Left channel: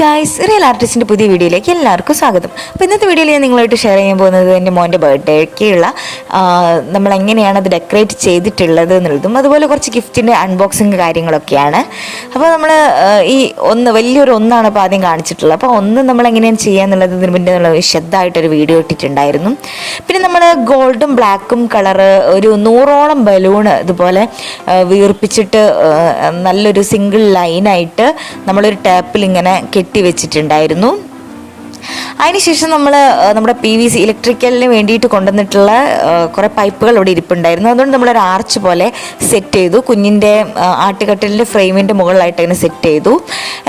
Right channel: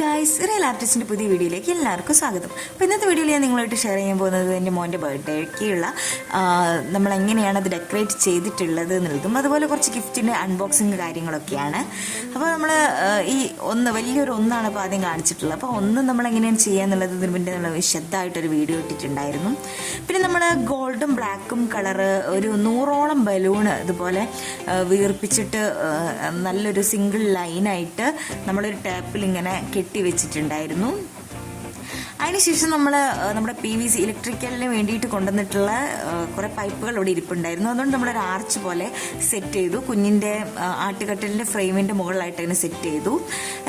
Guys real ആർട്ടിസ്റ്റിന്റെ പുതിയ വീഡിയോയിലേക്ക് എല്ലാവർക്കും സ്വാഗതം. അപ്പോൾ ഇന്നത്തെ വീഡിയോയിൽ ഞാൻ നിങ്ങളായിട്ട് ഷെയർ ചെയ്യാൻ പോകുന്നത് എന്റെ മോന്റെ ബർത്ത്ഡേക്കുള്ള നമ്മൾ എങ്ങനെയാണ് അത് ഡെക്കറേറ്റ് ചെയ്തിട്ടുള്ളത് എന്നുള്ളതും അതുപോലെ കുറച്ച് ഗിഫ്റ്റിന്റെ അൺബോക്സിങ് കാര്യങ്ങളൊക്കെയാണ്. അപ്പോൾ നമ്മൾ ഈ ഒന്ന് വലിയൊരു ഒന്നാണ് ഇപ്പോൾ ആദ്യം കാണിച്ചിട്ടുള്ളത്. അപ്പോൾ ഒന്ന് നമ്മൾ എങ്ങനെയാണ് ചെയ്യുക എന്നുള്ളത് ഇതിന് മുന്നേ നമ്മൾ വിശദമായിട്ടൊരു വീഡിയോ ഇട്ടിട്ടുണ്ടായിരുന്നു. പിന്നെ നമ്മൾ ഗോൾഡും ബ്ലാക്കും കളറ് ഒരു നൂറോളം ബലൂണ് ഇതുപോലെ വീർപ്പിച്ചിട്ട് നല്ലൊരു സിംഗിൾ ലൈനായിട്ട് നമ്മളൊരു ടാപ്പിൽ ഇങ്ങനെ കെട്ടി വെച്ചിട്ടുണ്ടായിരുന്നു അതിനുശേഷം നമ്മൾ നമ്മുടെ പി വി സി ഇലക്ട്രിക്കലിന് വേണ്ടിയിട്ട് കൊണ്ടുവന്നിട്ടുള്ള കുറെ പൈപ്പുകൾ ഇവിടെ ഇരിപ്പുണ്ടായിരുന്നു. അതുകൊണ്ട് നമ്മളൊരു ആർച്ച് പോലെ സെറ്റ് ചെയ്തു. കുഞ്ഞിന്റെ ആട്ടുകട്ടലിന്റെ ഫ്രെയിമിന്റെ മുകളിലായിട്ട് അതിനെ സെറ്റ് ചെയ്തു.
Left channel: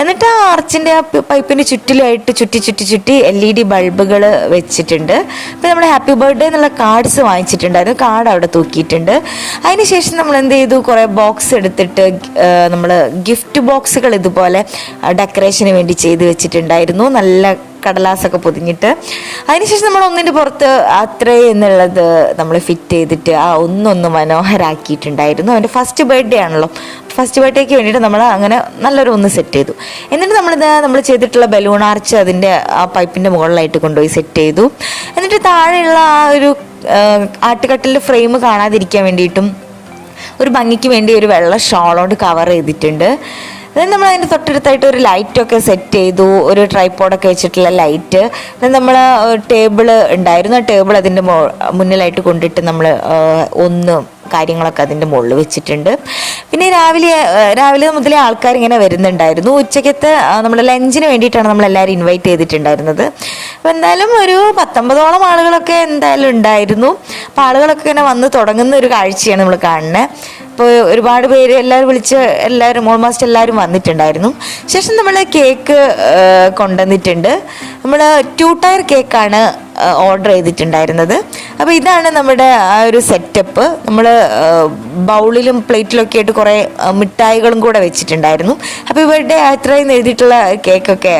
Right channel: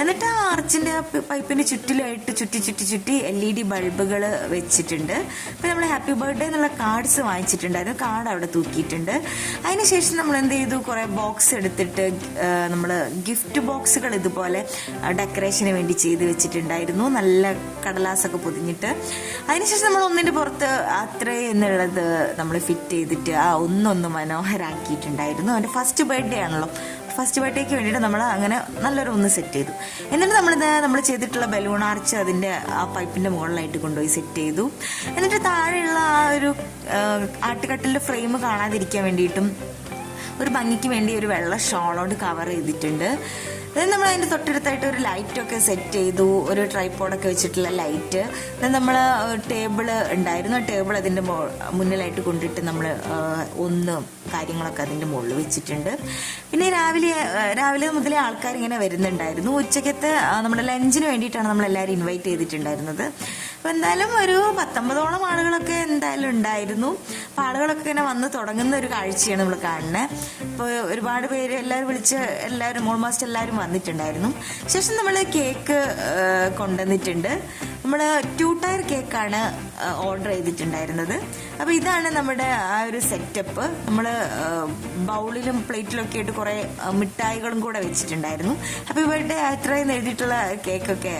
എന്നിട്ട് ആ ആർച്ചിന്റെ ആ പൈപ്പിന് ചുറ്റിലായിട്ട് ചുറ്റി ചുറ്റി ചുറ്റി എൽ ഇ ഡി ബൾബുകൾ വെച്ചിട്ടുണ്ട്. അപ്പോൾ നമ്മൾ ഹാപ്പി ബർത്ത്ഡേ എന്നുള്ള കാർഡ്സ് വാങ്ങിച്ചിട്ടുണ്ടായിരുന്നു. കാർഡ് അവിടെ തൂക്കിയിട്ടുണ്ട്. അതിനുശേഷം നമ്മൾ എന്ത് ചെയ്തു? കുറേ ബോക്സ് എടുത്തിട്ട് നമ്മൾ ഗിഫ്റ്റ് ബോക്സുകൾ ഇതുപോലെ ഡെക്കറേഷന് വേണ്ടി ചെയ്ത് വെച്ചിട്ടുണ്ടായിരുന്നു. നല്ല കടലാസൊക്കെ പൊതിഞ്ഞിട്ട് അതിനുശേഷം നമ്മൾ ഒന്നിന്റെ പുറത്ത് അത്രേ എന്നുള്ളത് നമ്മൾ ഫിറ്റ് ചെയ്തിട്ട് ആ ഒന്നൊന്ന് മനോഹരാക്കിയിട്ടുണ്ടായിരുന്നു. അവന്റെ ഫസ്റ്റ് ബർത്ത്ഡേ ആണല്ലോ. ഫസ്റ്റ് ബർത്ത്ഡേക്ക് വേണ്ടിയിട്ട് നമ്മൾ അങ്ങനെ നല്ലൊരു ഒന്ന് സെറ്റ് ചെയ്തു. എന്നിട്ട് നമ്മളിത് നമ്മൾ ചെയ്തിട്ടുള്ള ബലൂൺ ആർച്ച് അതിന്റെ ആ പൈപ്പിന്റെ മുകളിലായിട്ട് കൊണ്ടുപോയി സെറ്റ് ചെയ്തു. എന്നിട്ട് താഴെയുള്ള ആ ഒരു ആട്ടുകട്ടിലിന്റെ ഫ്രെയിം കാണാതിരിക്കാൻ വേണ്ടിയിട്ടും ഒരു ഭംഗിക്ക് വേണ്ടി ഒരു വെള്ള ഷോൾ കൊണ്ട് കവർ ചെയ്തിട്ടുണ്ട്. Then നമ്മൾ അതിന്റെ തൊട്ടടുത്തായിട്ട് ഒരു ലൈറ്റൊക്കെ സെറ്റ് ചെയ്തു. ഒരു ട്രൈപ്പോഡൊക്കെ വെച്ചിട്ടുള്ള ലൈറ്റ് നമ്മൾ ടേബിൾ ഉണ്ടായിരുന്നു. ആ ടേബിൾ അതിന്റെ മുന്നിലായിട്ട് കൊണ്ടിട്ട് നമ്മൾ ഒന്ന് കാര്യങ്ങളൊക്കെ അതിന്റെ മുകളിൽ വെച്ചിട്ടുണ്ട്. പിന്നെ രാവിലെ രാവിലെ മുതലേ ആൾക്കാർ ഇങ്ങനെ വരുന്നുണ്ടായിരുന്നു ഉച്ചയ്ക്കത്തെ നമ്മൾ ലഞ്ചിന് വേണ്ടിയിട്ടാണ് നമ്മൾ നമ്മളെല്ലാവരും ഇൻവൈറ്റ് ചെയ്തിട്ടുണ്ടായിരുന്നത്. അപ്പോൾ എന്തായാലും ഒരു പത്തൊമ്പതോളം ആളുകളൊക്കെ എന്തായാലും ഉണ്ടായിരുന്നു. അപ്പോൾ ആളുകളൊക്കെ ഇങ്ങനെ വന്ന് തുടങ്ങുന്ന ഒരു കാഴ്ചയാണ് നമ്മൾ കാണുന്നത്. ഇപ്പോൾ ഒരുപാട് പേര് എല്ലാവരും വിളിച്ച് എല്ലാവരും ഓൾമോസ്റ്റ് എല്ലാവരും വന്നിട്ടുണ്ടായിരുന്നു. ശേഷം നമ്മൾ കേക്ക് കൊണ്ടുവന്നിട്ടുണ്ട്. നമ്മൾ ടു ടയർ കേക്കാണ് ഓർഡർ ചെയ്തിട്ടുണ്ടായിരുന്നത്. അപ്പോൾ ഇതാണ് നമ്മുടെ ആ ഒരു സെറ്റപ്പ് നമ്മൾ ബൗളിലും പ്ലേറ്റിലൊക്കെ ആയിട്ട് കുറേ മിഠായികളും കൂടെ വെച്ചിട്ടുണ്ടായിരുന്നു. അപ്പോൾ ഇവരുടെ അത്രയും എഴുതിയിട്ടുള്ള കേക്കൊക്കെ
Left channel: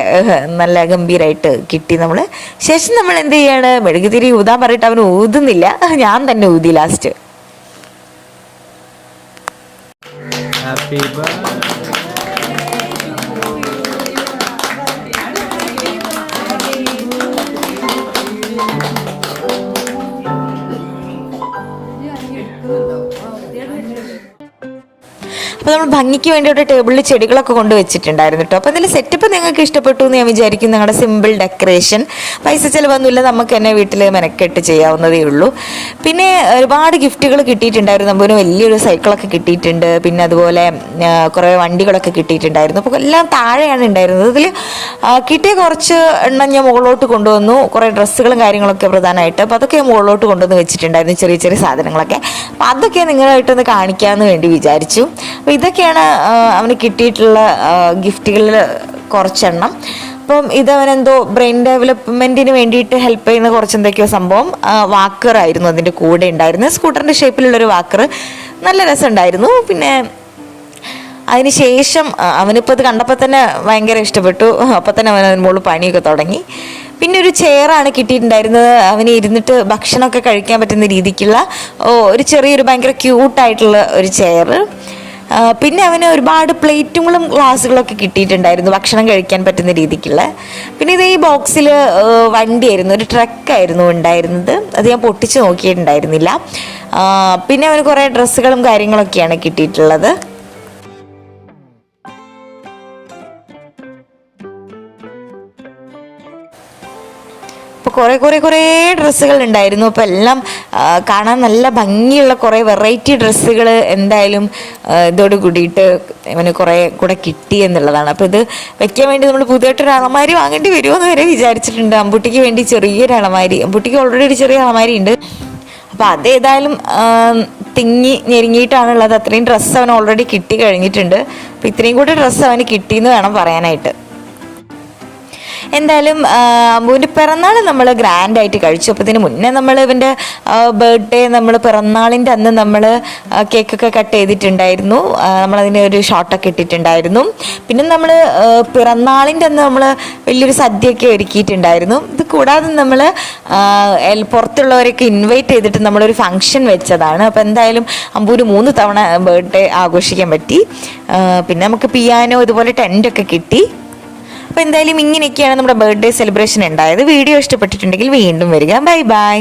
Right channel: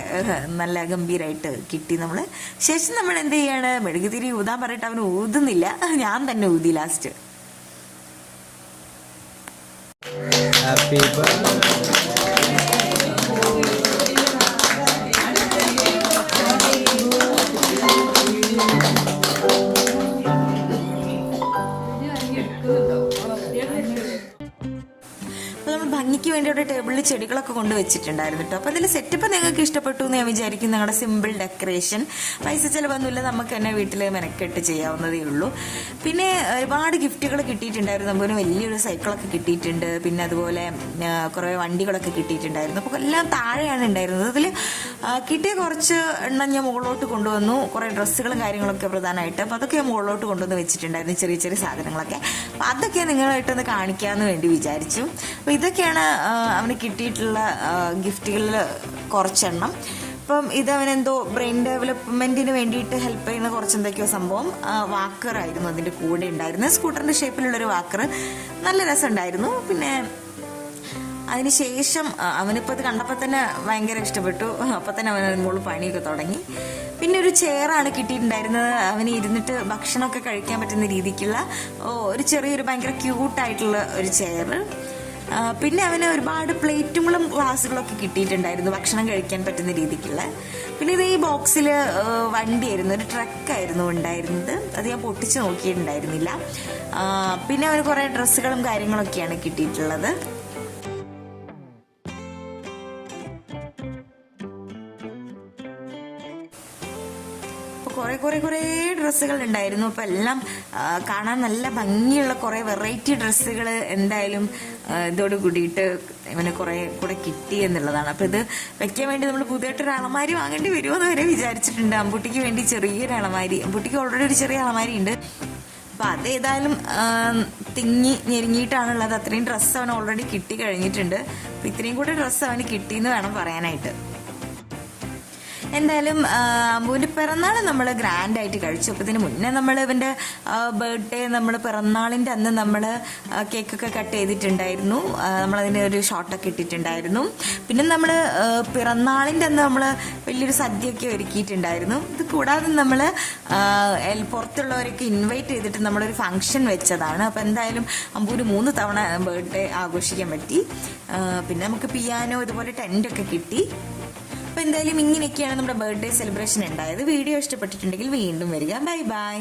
നല്ല ഗംഭീരമായിട്ട് കിട്ടി നമ്മൾ ശേഷം നമ്മൾ എന്ത് ചെയ്യാണ്? മെഴുകുതിരി ഊതാൻ പറഞ്ഞിട്ട് അവൻ ഊതുന്നില്ല. ഞാൻ തന്നെ ഊതി ലാസ്റ്റ് హ్యాపీ Thank you. അപ്പോൾ നമ്മൾ ഭംഗിക്ക് വേണ്ടിയിട്ട് ടേബിളിൽ ചെടികളൊക്കെ കൊണ്ട് വെച്ചിട്ടുണ്ടായിരുന്നു കേട്ടോ അപ്പോൾ അതിൽ സെറ്റപ്പ് നിങ്ങൾക്ക് ഇഷ്ടപ്പെട്ടു എന്ന് ഞാൻ വിചാരിക്കും നിങ്ങളുടെ സിമ്പിൾ ഡെക്കറേഷൻ പൈസ ചിലവൊന്നുമില്ല. നമുക്ക് തന്നെ വീട്ടിൽ മെനക്കെട്ട് ചെയ്യാവുന്നതേ ഉള്ളൂ. പിന്നെ ഒരുപാട് ഗിഫ്റ്റുകൾ കിട്ടിയിട്ടുണ്ടായിരുന്നു. നമുക്ക് വലിയൊരു സൈക്കിളൊക്കെ കിട്ടിയിട്ടുണ്ട്. പിന്നെ അതുപോലെ കുറേ വണ്ടികളൊക്കെ കിട്ടിയിട്ടുണ്ടായിരുന്നു. അപ്പോൾ എല്ലാം താഴെയാണ് ഉണ്ടായിരുന്നത്. അതിൽ കിട്ടിയ കുറച്ച് എണ്ണം ഞാൻ മുകളിലോട്ട് കൊണ്ടുവന്നു. കുറേ ഡ്രസ്സുകളും കാര്യങ്ങളൊക്കെ പ്രധാനമായിട്ട്. അപ്പോൾ അതൊക്കെ ഞാൻ മുകളിലോട്ട് കൊണ്ടുവന്ന് വെച്ചിട്ടുണ്ടായിരുന്നു. ചെറിയ ചെറിയ സാധനങ്ങളൊക്കെ. അപ്പോൾ അതൊക്കെ നിങ്ങളായിട്ടൊന്ന് കാണിക്കാമെന്ന് വേണ്ടി വിചാരിച്ചു. ഇതൊക്കെയാണ് ആ, അവന് കിട്ടിയിട്ടുള്ള ഗിഫ്റ്റുകളിൽ കുറച്ചെണ്ണം. അപ്പം ഇതവനെന്തോ ബ്രെയിൻ ഡെവലപ്മെന്റിന് വേണ്ടിയിട്ട് ഹെൽപ്പ് ചെയ്യുന്ന കുറച്ച് എന്തൊക്കെയോ സംഭവം വാക്കർ ആയിരുന്നു അതിന്റെ കൂടെ ഉണ്ടായിരുന്നത്. സ്കൂട്ടറിന്റെ ഷേപ്പിലുള്ളൊരു വാക്കർ. നല്ല രസമുണ്ടായിരുന്നു. പിന്നെ അതിനുശേഷം ശേഷം അവനിപ്പോൾ ഇത് കണ്ടപ്പോൾ തന്നെ ഭയങ്കര ഇഷ്ടപ്പെട്ടു. അപ്പോൾ തന്നെ അവൻ അതിന് മുകളിൽ പണിയൊക്കെ തുടങ്ങി. പിന്നെ ഒരു ചെയറാണ് കിട്ടിയിട്ടുണ്ടായിരുന്നത്. അവന് ഇരുന്നിട്ട് ഭക്ഷണമൊക്കെ കഴിക്കാൻ പറ്റുന്ന രീതിക്കുള്ള ഒരു ചെറിയൊരു ഭയങ്കര ക്യൂട്ടായിട്ടുള്ള ഒരു ചെയർ പിന്നെ അവന് ഒരുപാട് പ്ലേറ്റുകളും ഗ്ലാസ്സുകളൊക്കെ കിട്ടിയിട്ടുണ്ടായിരുന്നു ഭക്ഷണം കഴിക്കാൻ പറ്റുന്ന രീതിക്കുള്ള. പിന്നെ ഇത് ഈ ബോക്സിൽ വണ്ടിയായിരുന്നു ഒരു ട്രക്കായിരുന്നു ഉണ്ടായിരുന്നത്. അത് ഞാൻ പൊട്ടിച്ച് നോക്കിയിട്ടുണ്ടായിരുന്നില്ല. പിന്നെ അവന് കുറേ ഡ്രസ്സുകളും കാര്യങ്ങളൊക്കെയാണ് കിട്ടിയിട്ടുള്ളത്. അപ്പോൾ കുറേ കുറേ കുറേ ഡ്രസ്സുകൾ ഉണ്ടായിരുന്നു. അപ്പോൾ എല്ലാം കാണാൻ നല്ല ഭംഗിയുള്ള കുറേ വെറൈറ്റി ഡ്രസ്സുകൾ എന്തായാലും ഇതോട് കൂടിയിട്ട് ഇവന് കുറേ കൂടെ കിട്ടി എന്നുള്ളതാണ്. അപ്പോൾ ഇത് വെക്കാൻ വേണ്ടി നമ്മൾ പുതിയതായിട്ടൊരു അളമാരി വാങ്ങേണ്ടി വരുമോ എന്ന് വരെ വിചാരിച്ചിട്ടുണ്ട്. അമ്പുട്ടിക്ക് വേണ്ടി ചെറിയൊരു അളമാരി അമ്പുട്ടിക്ക് ഓൾറെഡി ഒരു ചെറിയ അളമാരി ഉണ്ട്. അപ്പോൾ അത് ഏതായാലും തിങ്ങി ഞെരുങ്ങിയിട്ടാണുള്ളത്. അത്രയും ഡ്രസ്സ് അവൻ ഓൾറെഡി കിട്ടി കഴിഞ്ഞിട്ടുണ്ട്. അപ്പോൾ ഇത്രയും കൂടി ഡ്രസ്സ് അവന് കിട്ടിയെന്ന് വേണം പറയാനായിട്ട്. എന്തായാലും അമ്പുവിന്റെ പിറന്നാൾ നമ്മൾ ഗ്രാൻഡ് ആയിട്ട് കഴിച്ചു. അപ്പോൾ ഇതിന് മുന്നേ നമ്മൾ ഇവന്റെ ബർത്ത്ഡേ നമ്മൾ പിറന്നാളിന്റെ അന്ന് നമ്മൾ കേക്കൊക്കെ കട്ട് ചെയ്തിട്ടുണ്ടായിരുന്നു. നമ്മളതിന് ഒരു ഷോട്ടൊക്കെ ഇട്ടിട്ടുണ്ടായിരുന്നു. പിന്നെ നമ്മൾ പിറന്നാളിന്റെ അന്ന് നമ്മൾ വലിയൊരു സദ്യയൊക്കെ ഒരുക്കിയിട്ടുണ്ടായിരുന്നു. ഇത് കൂടാതെ നമ്മൾ പുറത്തുള്ളവരൊക്കെ ഇൻവൈറ്റ് ചെയ്തിട്ട് നമ്മളൊരു ഫംഗ്ഷൻ വെച്ചതാണ്. അപ്പോൾ എന്തായാലും അമ്പൂര് മൂന്ന് തവണ ബർത്ത്ഡേ ആഘോഷിക്കാൻ പറ്റി. പിന്നെ നമുക്ക് പിയാനോ ഇതുപോലെ ടെന്റൊക്കെ കിട്ടി. അപ്പോൾ എന്തായാലും ഇങ്ങനെയൊക്കെയാണ് നമ്മുടെ ബർത്ത്ഡേ സെലിബ്രേഷൻ ഉണ്ടായത്. വീഡിയോ ഇഷ്ടപ്പെട്ടിട്ടുണ്ടെങ്കിൽ വീണ്ടും വരിക. Bye bye